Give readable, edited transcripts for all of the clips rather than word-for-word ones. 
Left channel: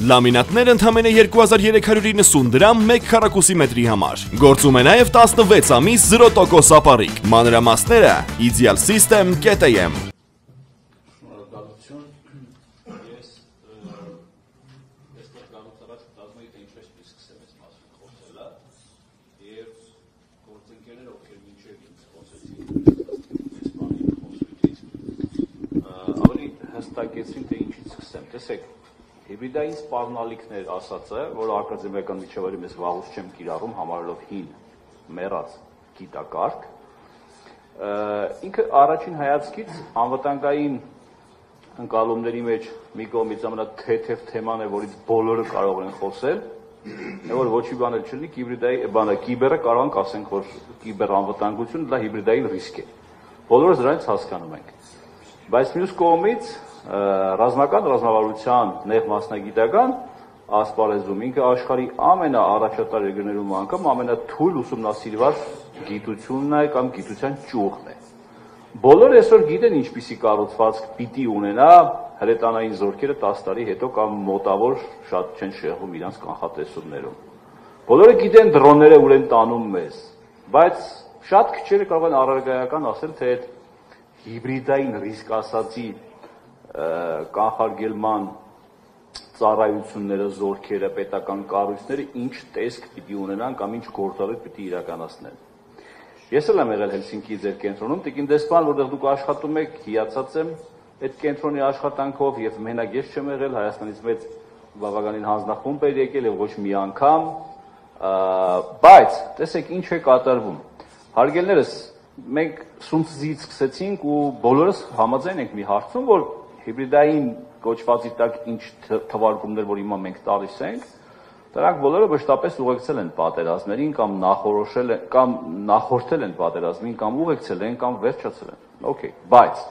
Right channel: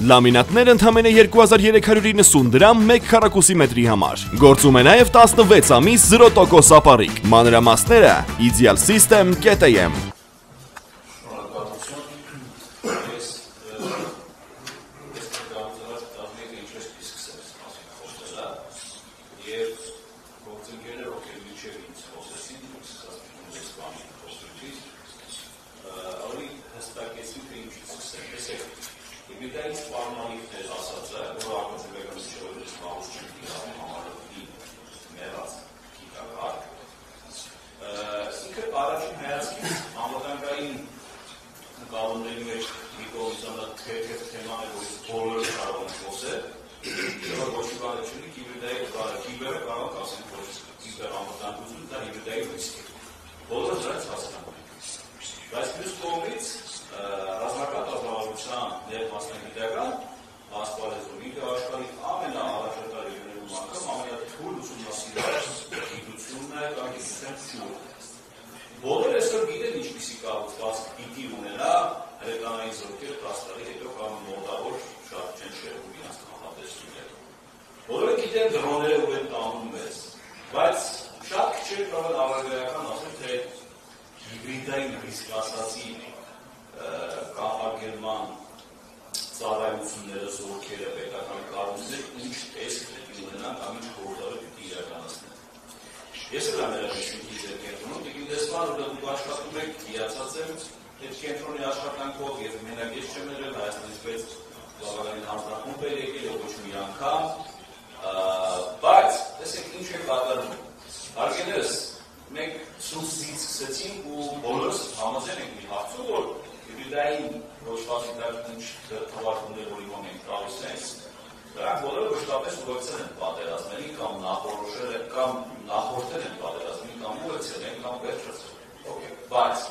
Լամինատներ ընդամենը 2390 դրամ 1 քառակուսի մետրի համար։ Գործում է նաև 16 ամիս 0% ապառիկ։ Մանրամասները Ideal System.am Հիբրիդային սպառնալիքներ ասածը, որը ակադեմիական միջավայրում ես վաղուց չեմ կիրառում, համարելով հին մեռած գիտակարգ, ինքը առաջին հայացքից անվտանգային ընկալումների մեջ մի կողմից ամենաթեթև թեման է, որից բոլորը կարող են խոսել, որ ոչ մի բան չլինի, կիբերը կարող ենք ասենք, որ կիբերանվտանգություն դա հիբրիդային ռիսկ է։ Բոլորը դրանից հասկանում ենք։ Բայց մյուս կողմից ռազմական ռազմավարության նեղ մասնագիտական ասպարեզում ինքը աշխարհի ամենաառաջատար երկրներում անգամ ամենաթույլ ուսումնասիրված գիտությունն է կամ գիտության ճյուղն է։ Բոլորը այսօր գիտեն ինչպիսի կառուցվածք պիտի ունենա հրետանային զորքերը 10 տարի հետո կամ մոտավոր շատ չեն շեղում իրանց կանխատեսումներում։ Բոլորը գիտեն դրոնները ուր են տանում մեզ, բայց շատ քչերը կարող են առարգայական ասել, թե հիբրիդային ռիսկ ասացի կանխարգելման ծառայությունները, զորքերը, պետական կառույցները ինչ տեսք պիտի ունենան կամ ինչ գործառույթ պիտի իրականացնեն։ Ես էլ եմ եղել Հելսինկի ձեր կենտրոնում, տիկին դեսպան, որտեղ դուք աշխատում եք, հիացած եմ այդ կենտրոնի աշխատանքով եւ մենակ ես չեմ եղել, Հայաստանից մեծ բավականին հանձնախումբ էր եկել եւ ոչ մի անգամ, բայց տեսեք ինչ է կատարվում։ Հարգելներս, մենք սունցից սկսեցինք ու բոլորս համաձայն ենք մի հարցում, որ հիբրիդային գոչվածի տակ ինչ թվարկումներ, որ հիմա մենք տալիս ենք, դրանք բոլորը մշտապես ուղեկցել են պատերազմներին կամ նախորդել են պատերազմին կամ ուղեկցել են կամ վերջացել են։ Okay, բայց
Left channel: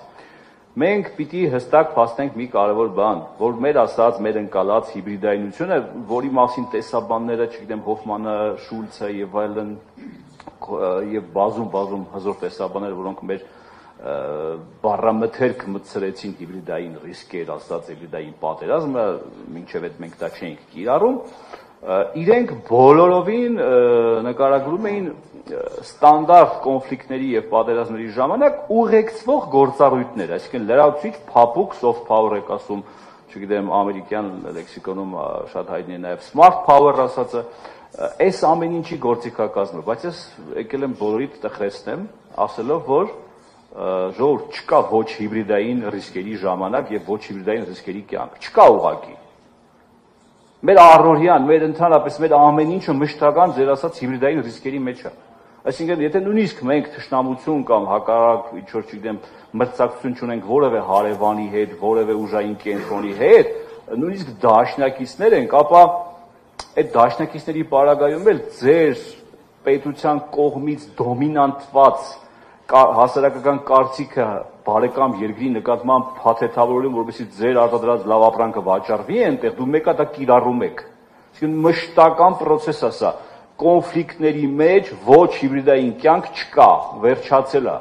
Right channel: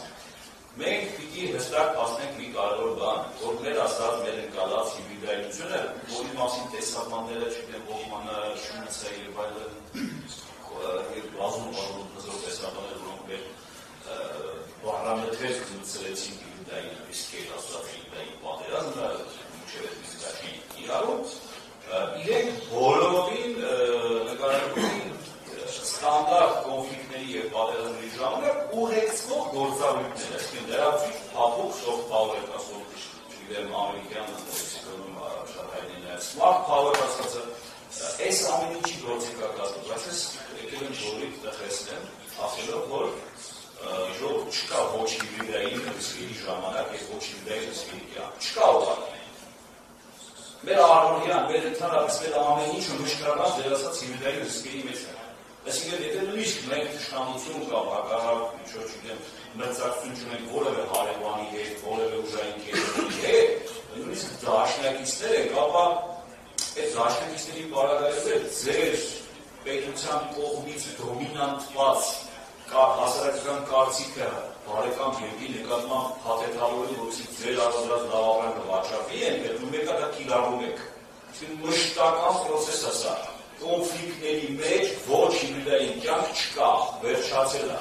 մենք պիտի հստակ փաստենք մի կարևոր բան, որ մեր ասած, մեր ընկալած հիբրիդայնությունը, որի մասին տեսաբանները, չգիտեմ, Հոֆմանը, Շուլցը եւ այլն եւ բազում հզոր տեսաբաններ, որոնք մեր բառամթերք մտցրեցին հիբրիդային ռիսկեր, ասած հիբրիդային պատերազմը, մինչև այդ մենք դա չենք կիրառում, իրենք բոլորովին նկարագրում էին ստանդարտ կոնֆլիկտների եւ պատերազմների ժամանակ ուղեկցվող գործառույթներ, այսինքն լրացուցիչ փափուկ soft power եք ասում, չգիտեմ, ամերիկյան լեքսիկոնում շատ հայտնի է նաեւ smart power ասածը, այս ամեն ինչի գործիքակազմը, բայց ես եկել եմ բոլորիդ տխրեցնեմ, ասելով, որ ժողովուրդ չկա ոչ հիբրիդային ռիսկերի ժամանակ եւ ոչ հիբրիդային ռիսկերի կյանք, չկա ուղղակի։ Մեր առօրյան, մեր ընդհանրապես մեր ամեն ինչը մշտական ձեր ասած հիբրիդային ռիսկերի մեջ է։ Այսինքն, եթե նույնիսկ մենք թշնամություն կամ հակառակ, ինչ-որ չգիտեմ, մրցակցություն չունենք որևէ հարևանի հետ, որևէ ուժային կենտրոնի հետ, նույնիսկ դաշնակիցներ ենք, ապա այդ դաշնակիցների պարագայում էլ ձեր պետության կողմից դոմինանտված հասարակական կարծիքը բարեկամ երկրի նկատմամբ փաթեթավորում, որովհետեւ ձեր արտադրած լավ ապրանքը վաճառվի այնտեղ, դու մեկը դա կիրառում եք։ Այսինքն մշտական process է սա։ Կոնֆլիկտների մեջ ոչ հիբրիդային կյանք չկա, վերջացել է։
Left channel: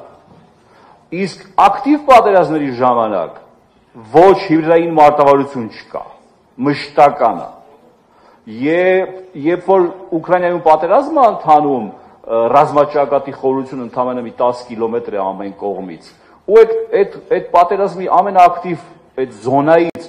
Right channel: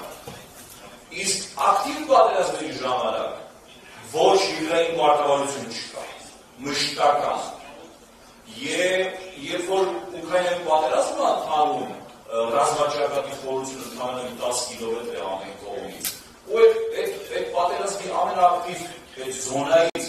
Իսկ ակտիվ պատերազմների ժամանակ ոչ հիբրիդային մարտավարություն չկա, մշտական է։ Երբ որ Ուկրաինայում պատերազմը ընթանում, ռազմաճակատի խորությունը ընդամենը մի 10 կիլոմետր է ամեն կողմից։ Ու այդ պատերազմի ամենաակտիվ այդ զոնայից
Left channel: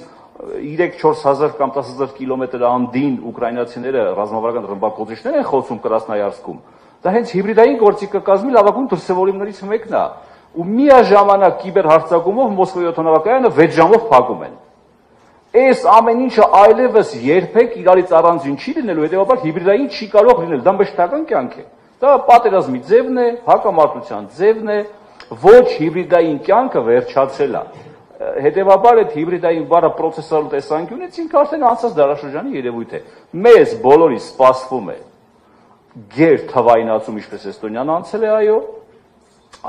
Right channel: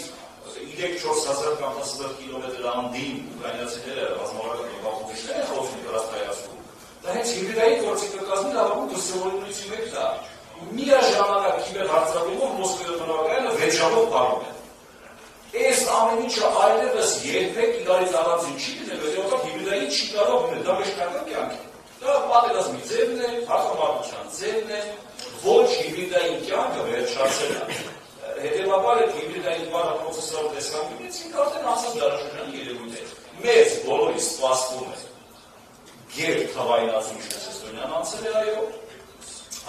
3-4 հազար կամ 10 հազար կիլոմետր անդին ուկրաինացիները ռազմավարական ռմբակոծիչներ են խոսում Կրասնոյարսկում։ Դա հենց հիբրիդային գործիքակազմի լավագույն դրսևորումներից մեկն է։ Ու միաժամանակ կիբերհարձակումով Մոսկվայի օդանավակայանը 6 ժամով փակում են։ Այս ամեն ինչը այլևս երբեք իրարից առանձին չի լինելու, հետևաբար հիբրիդային չի կարող լինել, դա մշտական կյանք է։ Դա պատերազմի ձևն է, հակամարտության ձևն է, ոչ հիբրիդային կյանքը վերջացել է։ Հետևաբար այդ հիբրիդային բառը պրոցեսուալ տեսանկյունից ինքը արդեն անցած դարաշրջանի երևույթ է։ Մեզ բոլորիս սպասվում է գեր թվայնացում, ինչպես Էստոնիան անցել է, այո,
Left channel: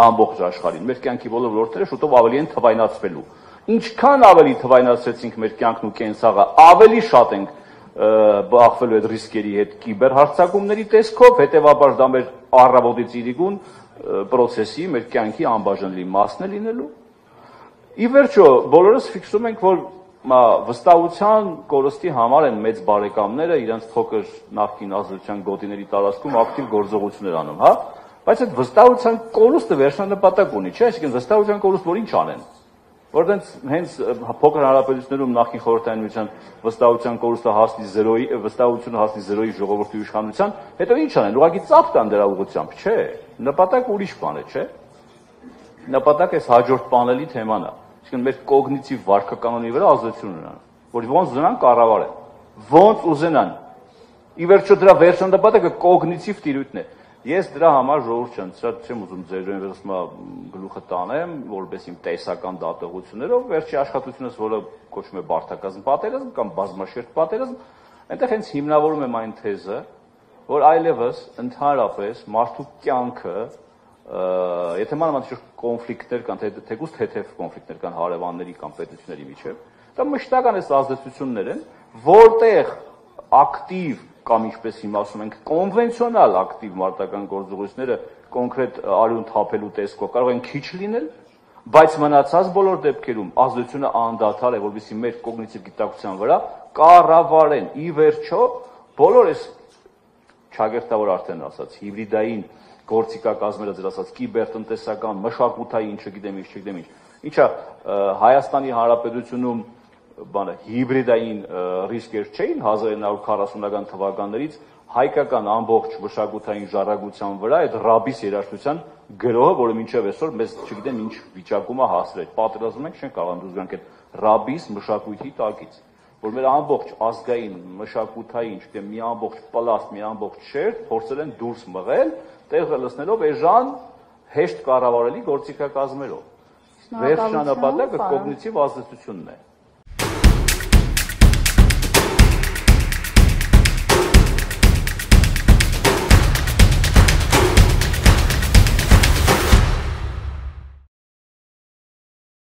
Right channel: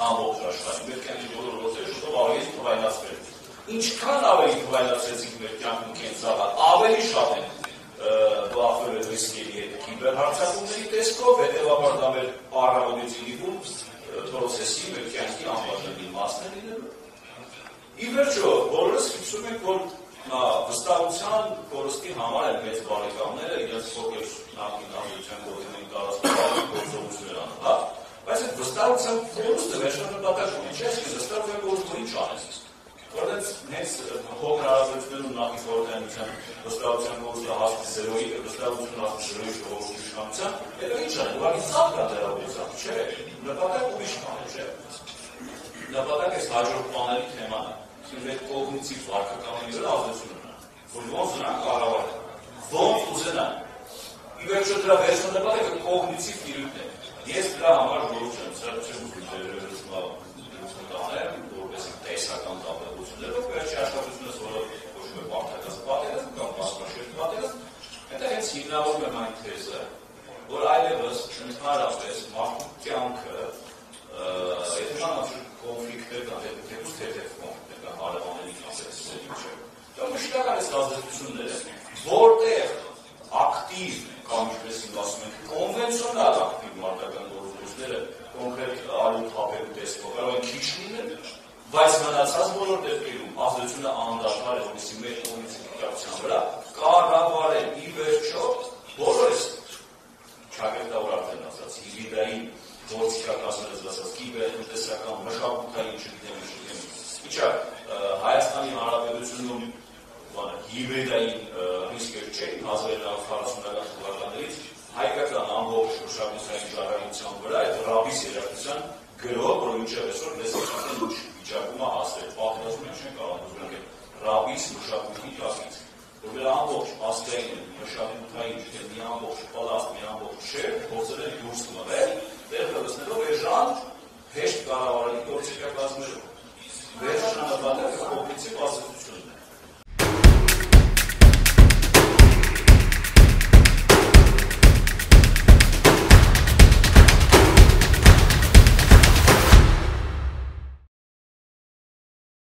ամբողջ աշխարհին։ Մեր կյանքի բոլոր ոլորտները շուտով ավելի են թվայնացվելու։ Ինչքան ավելի թվայնացրեցինք մեր կյանքն ու կենցաղը, ավելի շատ ենք բախվելու այդ ռիսկերի հետ կիբերհարձակումների տեսքով, հետևաբար դա մեր առավոտից իրիկուն process-ի, մեր կյանքի անբաժանելի մասն է լինելու։ Ի վերջո, բոլորս ֆիքսում ենք, որ վստահության կորստի համար են մեծ բարեկամները իրենց փոքր նախկին ազդեցության գոտիների տարածքում ակտիվ գործողություններ անում, հա, բայց այդ վստահության կորուստը վերջնանպատակ ունի, չէ՞, այսինքն վստահության կորուստ որ ինչ անեն, որտեղ հենց փոքր հանրապետություններում նախկին խորհրդային միության վստահության կորուստը հասնի 0-ի, վստահությունը հասնի 0-ի ժողովրդի իշխանության, հետո ինչ անեն, ուղղակի ծափ տան դրա ուղղությամբ, չէ, նպատակը ուրիշ բան է, չէ, նպատակը այս հաջորդ պանելի թեման է, մեր կոգնիտիվ վարքականոնի վրա ազդեցություն ունեն, որ ոնց ուզենան կառավարել, ոնց ուզենան, ի վերջո դրա վերջնապատակը կոգնիտիվ տիրույթն է։ Ես դրա համար ժողովուրդ չեմ ուզում ձեր գլուխը տանեմ, որպես իմ տեսական դատողություններով, վերջի աշխատությունս, որը կոչվում է բարդակազմ պատերազմ կամ բազմաշերտ պատերազմ, այնտեղ հենց հիմնավորում եմ այն թեզը, որ այլևս ընդհանրապես մարդու կյանքը եթե մանավանդ կոնֆլիկտներ կան, թեկուզ թեթև կոնֆլիկտներ կան հարևանների կամ պետությունների միջև, դա մշտական այս ազդեցություններ են, որտեղ ակտիվ կամ ինչպես հիմա ասում ենք, կոնվենցիոնալ ակտիվ մարտական գործողությունները կոնկրետ արյուն թափելու տեսքով կարող են քիչ լինել, բայց մնացած բոլոր դեպքերում ազդեցությունը անդադար է, որովհետեւ մեր կոգնիտիվ գիտակցության վրա կառավարեն ի վերջո բոլոր այս ճակերտավոր արդեն ասած հիբրիդային գործիքակազմերը ձեր ասած կիբերտնտեսական, մշակութային, չգիտեմ, ինչա Հայաստանի Հանրապետությունում հիբրիդային ռիսկեր չէին 1940-ական թվականներից հայկական ամբողջ մշակութային ժառանգության վրա այդ ռաբիս երաժշտության գրոհը, որը մինչև այսօր մեզ չգիտեմ ինչ վիճակում է հասրել։ Պատերազմում ենք չեն կարող դուրս գանք այդ ռաբիս մշակույթի տակից, որ մեր ամբողջ ազգային, մշակութային, չգիտեմ, մի ամբողջ պլաստ, մի ամբողջ շերտ փորձել են դուրս մղել, տեղը լցնելով էժան հեշտ կառավարելի գործիքակազմերով։ Վերջնանպատակը կոգնիտիվ ազդեցությունն է։